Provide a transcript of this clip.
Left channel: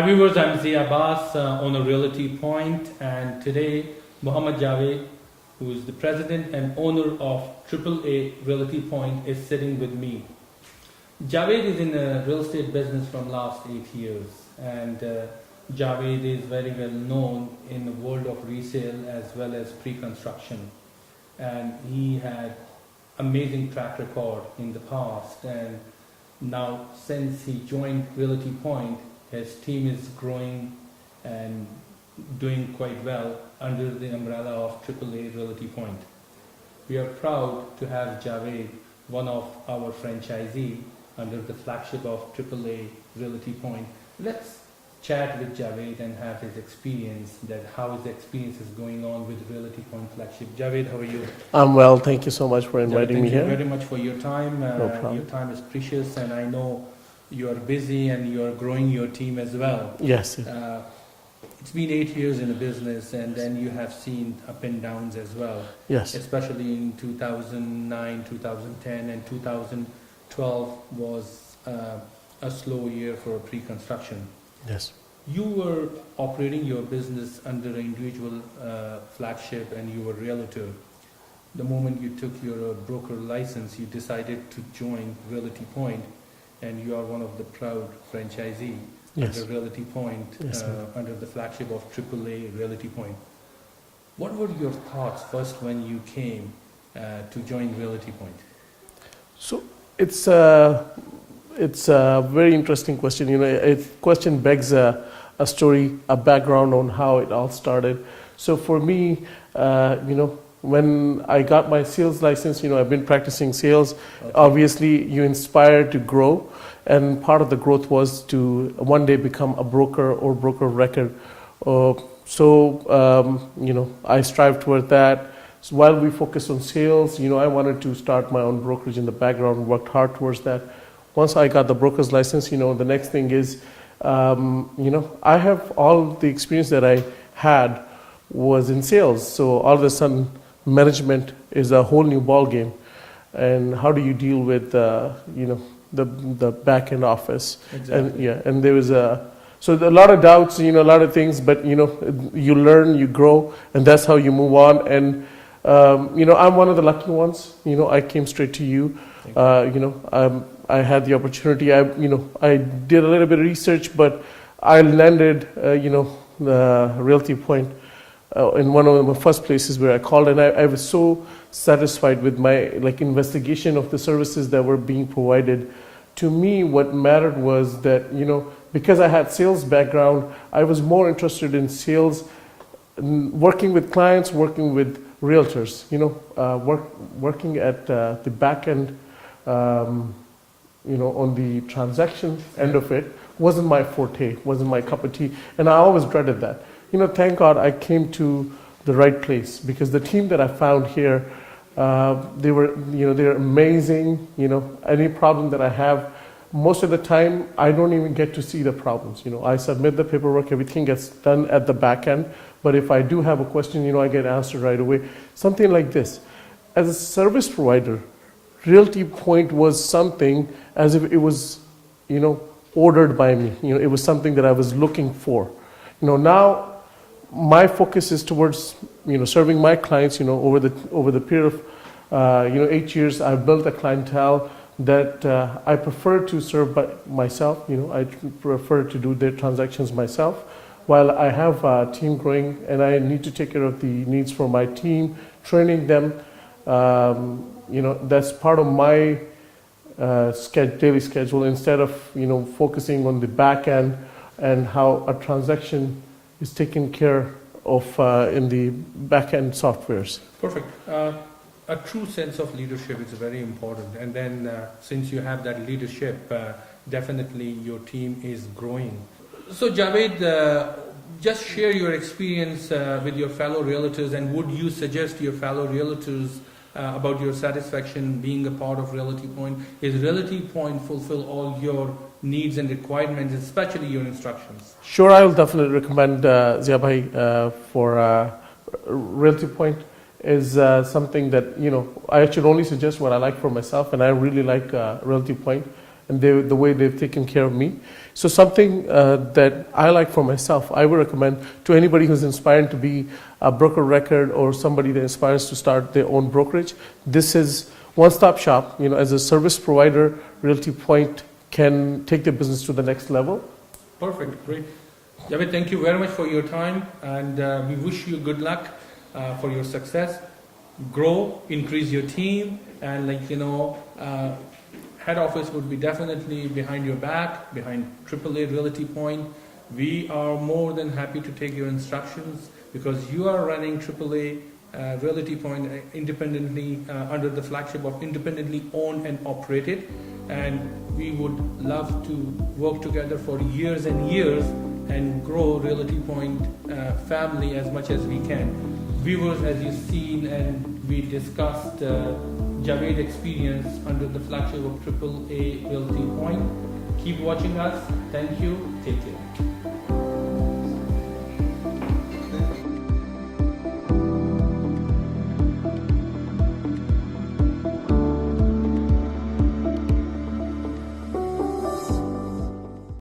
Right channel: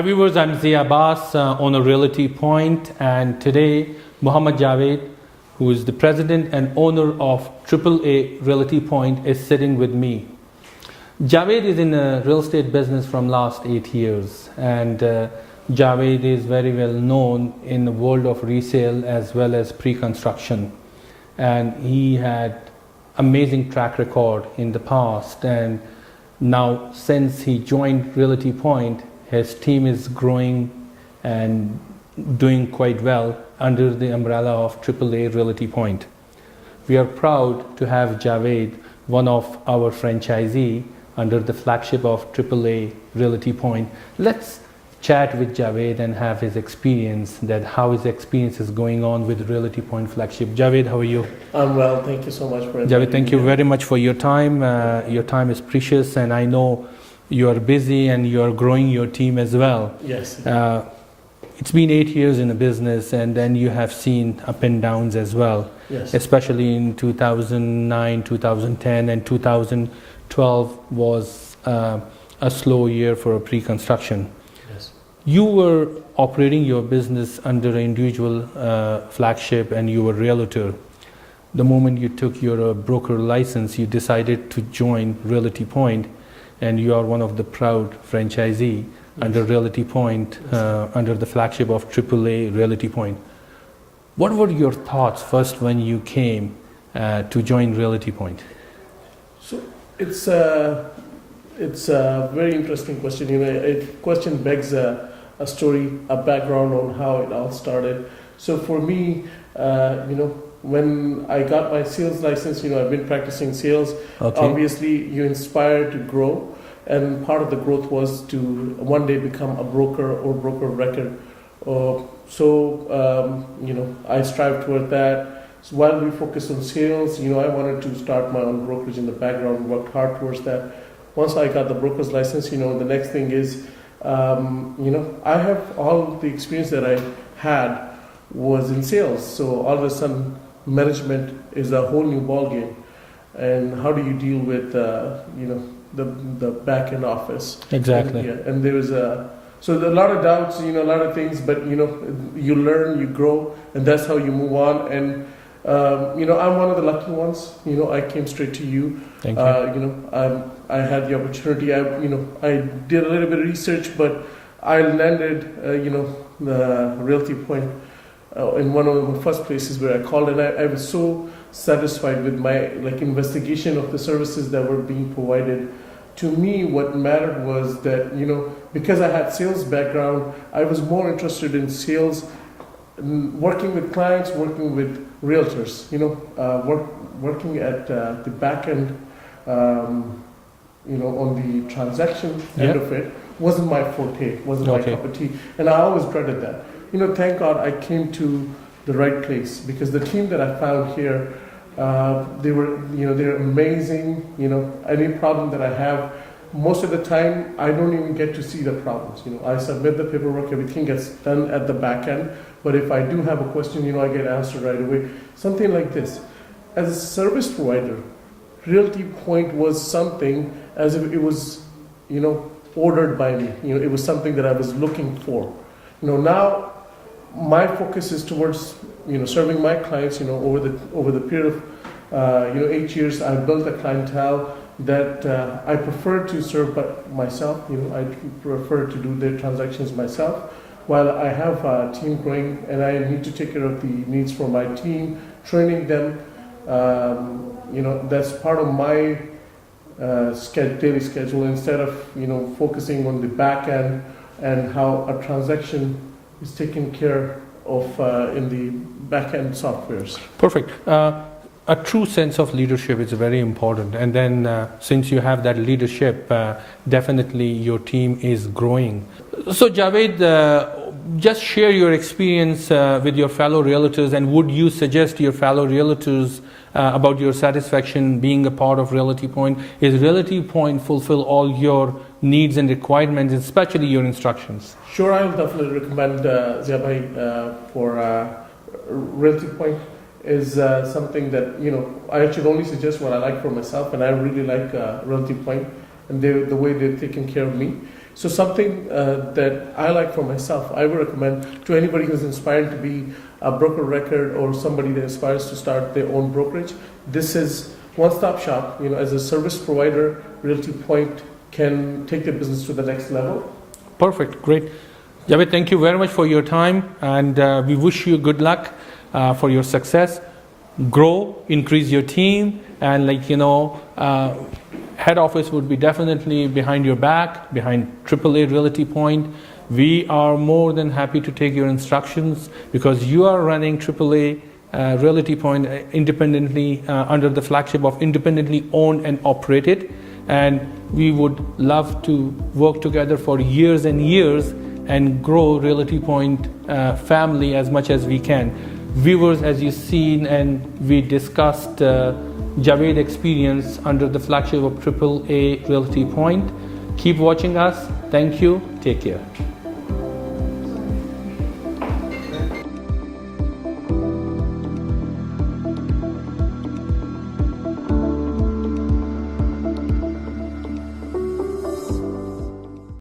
Hi viewers, I'm Zia Abbas, owner Realty Point, and today Muhammad Javed, who is the president and owner of AAA Realty Point, is sitting with me. Javed is in the real estate business from last 8 years, and Javed is very well known in the world of resale as well as pre-construction, and he had amazing track record in the past, and now since he joined Realty Point, his team is growing and doing quite well under the umbrella of AAA Realty Point. We are proud to have Javed, one of our franchisee, under the flagship of AAA Realty Point. Let's chat with Javed and have his experience, that how his experience is going on with Realty Point flagship. Javed, how are you? I'm well, thank you so much for inviting me. Javed, thank you very much for your time. Your time is precious, and I know you are busy and you are growing your team as well. Yes. It's been 8 years in the business, and then you have seen up and downs as well. Yes. Especially in 2009, 2010, and 2012 was a slow year for a pre-construction. Yes. You were operating your business under an individual flagship, and you were a realtor. The moment you took your broker license, you decided to join Realty Point, and you are one of the proud franchisee under Realty Point, under the flagship of AAA Realty Point. What were your thoughts first when you came to join Realty Point? So it's a very interesting question. A question begs a story, a background on how it all started. So for me, when I got my sales license, I've been practicing sales. Okay. Obviously, you inspire to grow, and part of the growth was to one day become a broker or broker of record. I strive toward that. So while we focus on sales, I wanted to start my own brokerage in the background, worked hard towards that. Once I got the broker's license, the next thing is, I have all the experience that I had was in sales. So all of a sudden, management is a whole new ball game, and how do you deal with the back end office? Exactly. And there was a lot of doubts, a lot of things, but you learn, you grow, and that's how you move on. And I'm one of the lucky ones. I came straight to you. Thank you. I had the opportunity. I did a little bit of research, but I landed the Realty Point in one of the first places where I called, and I was so satisfied with my investigation of the services that were being provided. To me, what mattered was that because I had sales background, I was more interested in sales, working with clients, working with realtors. Working at the back end, on the transaction end of it wasn't my forte, wasn't my cup of tea, and I always dreaded that. Thank God I came to the right place, because the team that I found here, they're amazing. Any problem that I have, most of the time I don't even get to see the problems. I submit the paperwork, everything gets done at the back end. But if I do have a question, I get answered right away. Something like this. As a service provider, Realty Point was something as if it was, ordered by me. It was something that I was looking for. Now my focus is towards serving my clients. Over the period of 8 years, I've built a clientele that I prefer to serve by myself. I prefer to do their transactions myself, while I have a team growing, and I need to take care of the needs for my team, training them. That's part of my daily schedule, instead of focusing on the back end and how a transaction is taken care of in the back-end softwares. Perfect. A true sense of leadership is very important, and then since you have that leadership, definitely your team is growing. So Javed, just share your experience with your fellow realtors, and would you suggest your fellow realtors about your satisfaction being a part of Realty Point? Is Realty Point fulfill all your needs and requirements, especially your instructions? Sure, I will definitely recommend Zia for Realty Point. Is something that I should only suggest what I like for myself, and I really like Realty Point and the way they've taken care of me. So something that I like for myself, I would recommend to anybody who's inspired to be a broker record or somebody that aspires to start their own brokerage. This is one-stop shop. As a service provider, Realty Point can take their business to the next level. Perfect, great. Javed, thank you very much for your time, and we wish you good luck for your success. Grow, increase your team, and head office would be definitely behind your back, behind AAA Realty Point. We are more than happy to take your instructions because you are running AAA Realty Point independently under the flagship of independently owned and operated. And we would love to work together for years and years and grow Realty Point family as much as we can. Viewers, as you've seen and we discussed Javed experience under the flagship of AAA Realty Point. Keep watching us. Thank you. Take care.